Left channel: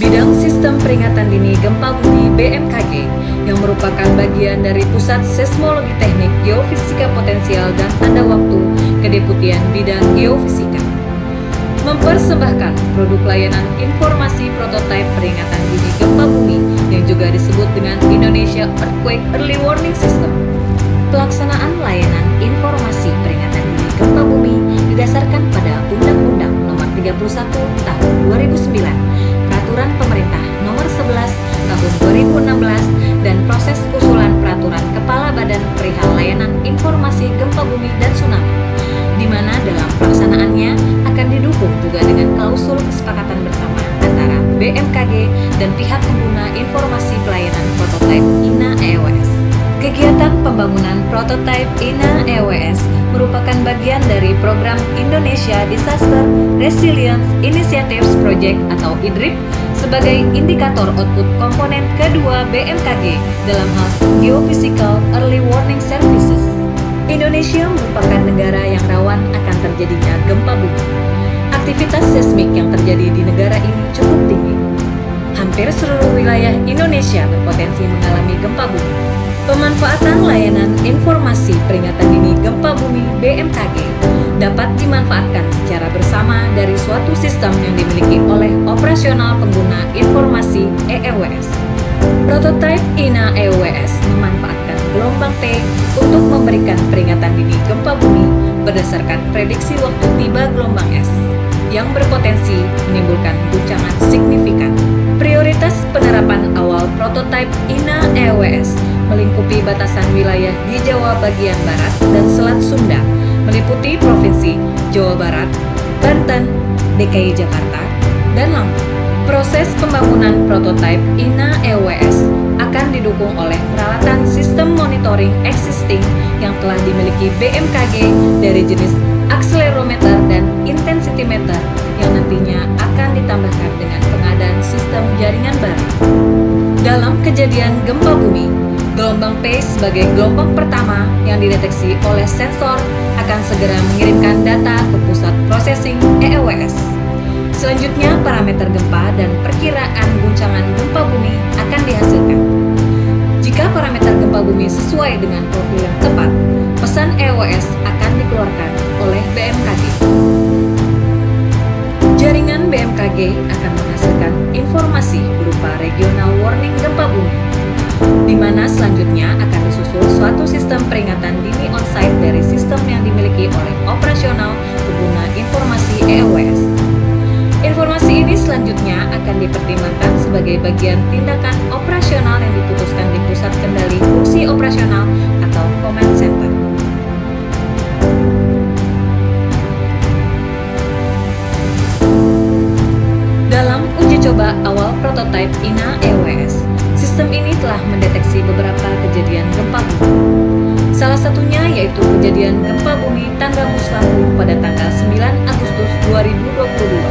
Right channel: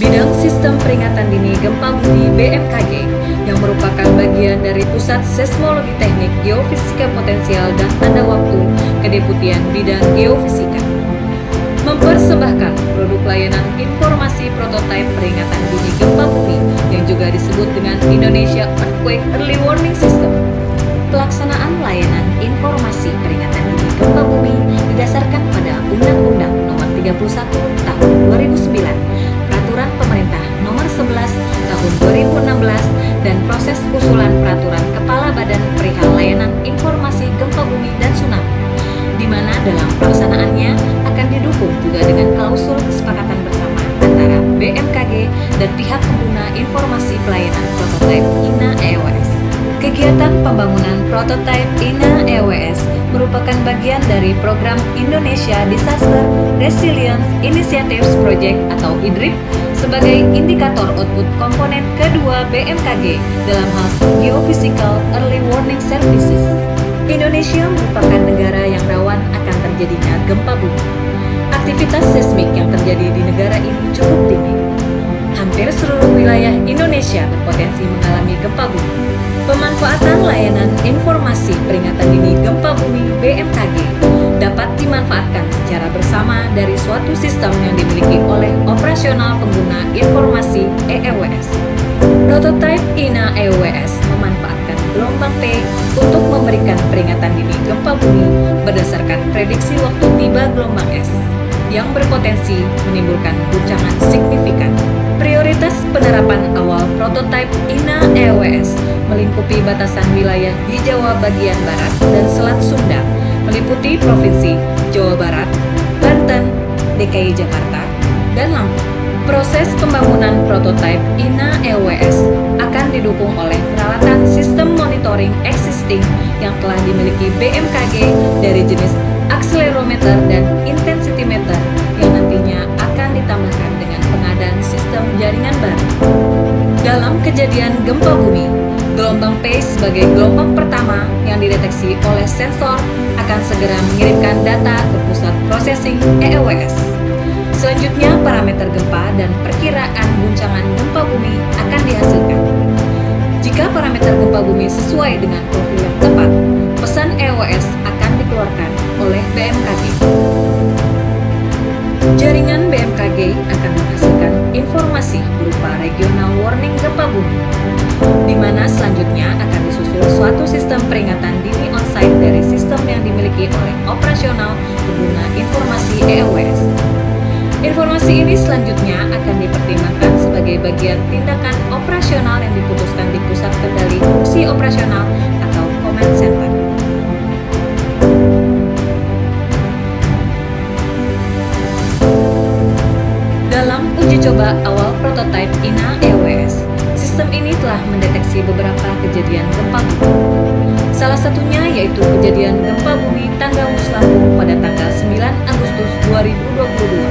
Bidang Sistem Peringatan Dini Gempa Bumi BMKG yang merupakan bagian dari Pusat Seismologi Teknik Geofisika Potensial dan Tanda Waktu Kedeputian Bidang Geofisika mempersembahkan produk layanan informasi prototipe peringatan dini gempa bumi yang juga disebut dengan Indonesia Earthquake Early Warning System. Pelaksanaan layanan informasi peringatan dini gempa bumi didasarkan pada Undang-Undang Nomor 31 Tahun 2009, Peraturan Pemerintah Nomor 11 Tahun 2016, dan proses usulan Peraturan Kepala Badan Perihal Layanan Informasi Gempa Bumi dan Tsunami, di mana dalam pelaksanaannya akan didukung juga dengan klausul kesepakatan bersama antara BMKG dan pihak pengguna informasi pelayanan prototipe INA EWS. Kegiatan pembangunan prototipe INA EWS merupakan bagian dari program Indonesia Disaster Resilience Initiatives Project atau IDRIP sebagai indikator output komponen kedua BMKG dalam hal Geophysical Early Warning Services. Indonesia merupakan negara yang rawan akan terjadinya gempa bumi. Aktivitas seismik yang terjadi di negara ini cukup tinggi. Hampir seluruh wilayah Indonesia berpotensi mengalami gempa bumi. Pemanfaatan layanan informasi peringatan dini gempa bumi BMKG dapat dimanfaatkan secara bersama dari suatu sistem yang dimiliki oleh operasional pengguna informasi EEWS. Prototipe INA EWS memanfaatkan gelombang P untuk memberikan peringatan dini gempa bumi berdasarkan prediksi waktu tiba gelombang S yang berpotensi menimbulkan guncangan signifikan. Prioritas penerapan awal prototipe INA EWS melingkupi batasan wilayah di Jawa bagian barat dan Selat Sunda, meliputi Provinsi Jawa Barat, Banten, DKI Jakarta, dan Lampung. Proses pembangunan prototipe INA EWS akan didukung oleh peralatan sistem monitoring existing yang telah dimiliki BMKG dari jenis akselerometer dan intensitimeter yang nantinya akan ditambahkan dengan pengadaan sistem jaringan baru. Dalam kejadian gempa bumi, gelombang P sebagai gelombang pertama yang dideteksi oleh sensor akan segera mengirimkan data ke pusat processing EEWS. Selanjutnya, parameter gempa dan perkiraan guncangan gempa bumi akan dihasilkan. Jika parameter gempa bumi sesuai dengan profil yang tepat, pesan EWS akan dikeluarkan oleh BMKG. Jaringan BMKG akan menghasilkan informasi berupa regional warning gempa bumi, di mana selanjutnya akan disusul suatu sistem peringatan dini on-site dari sistem yang dimiliki oleh operasional pengguna informasi EEWS. Informasi ini selanjutnya akan dipertimbangkan sebagai bagian tindakan operasional yang diputuskan di Pusat Kendali Fungsi Operasional atau Command Center. Dalam uji coba awal prototipe INA EWS, sistem ini telah mendeteksi beberapa kejadian gempa bumi. Salah satunya yaitu kejadian gempa bumi Tanggamus Lampung pada tanggal 9 Agustus 2022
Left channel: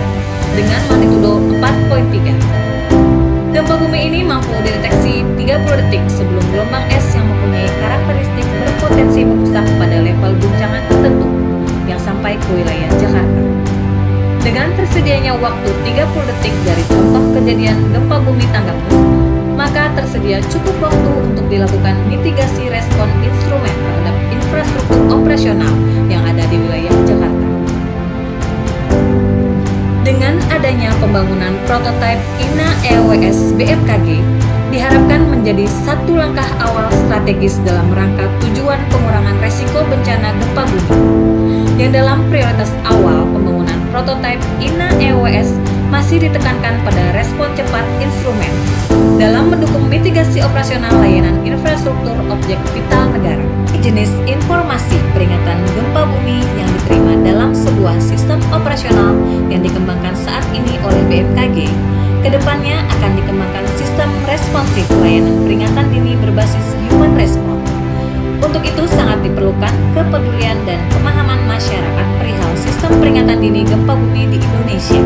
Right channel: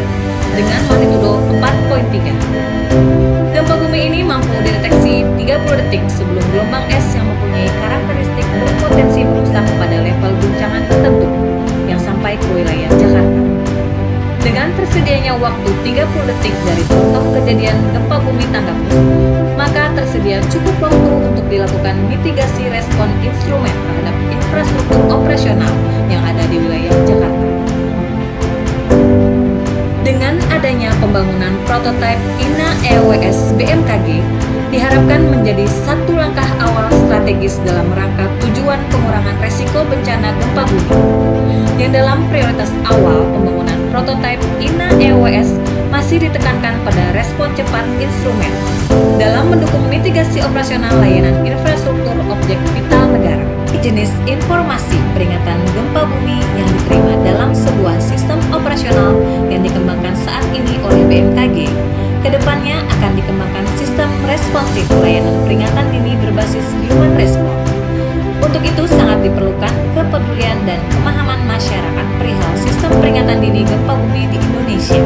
dengan magnitudo 4.3. Gempa bumi ini mampu dideteksi 30 detik sebelum gelombang S yang mempunyai karakteristik berpotensi merusak pada level guncangan tertentu yang sampai ke wilayah Jakarta. Dengan tersedianya waktu 30 detik dari contoh kejadian gempa bumi Tanggamus, maka tersedia cukup waktu untuk dilakukan mitigasi respon instrumen terhadap infrastruktur operasional yang ada di wilayah Jakarta. Dengan adanya pembangunan prototipe INA EWS BMKG, diharapkan menjadi satu langkah awal strategis dalam rangka tujuan pengurangan resiko bencana gempa bumi. Yang dalam prioritas awal pembangunan prototipe INA EWS masih ditekankan pada respon cepat instrumen dalam mendukung mitigasi operasional layanan infrastruktur objek vital negara. Jenis informasi peringatan gempa bumi yang diterima dalam sebuah sistem operasional yang dikembangkan saat ini oleh BMKG, kedepannya akan dikembangkan sistem responsif layanan peringatan dini berbasis human response. Untuk itu sangat diperlukan kepedulian dan pemahaman masyarakat perihal sistem peringatan dini gempa bumi di Indonesia.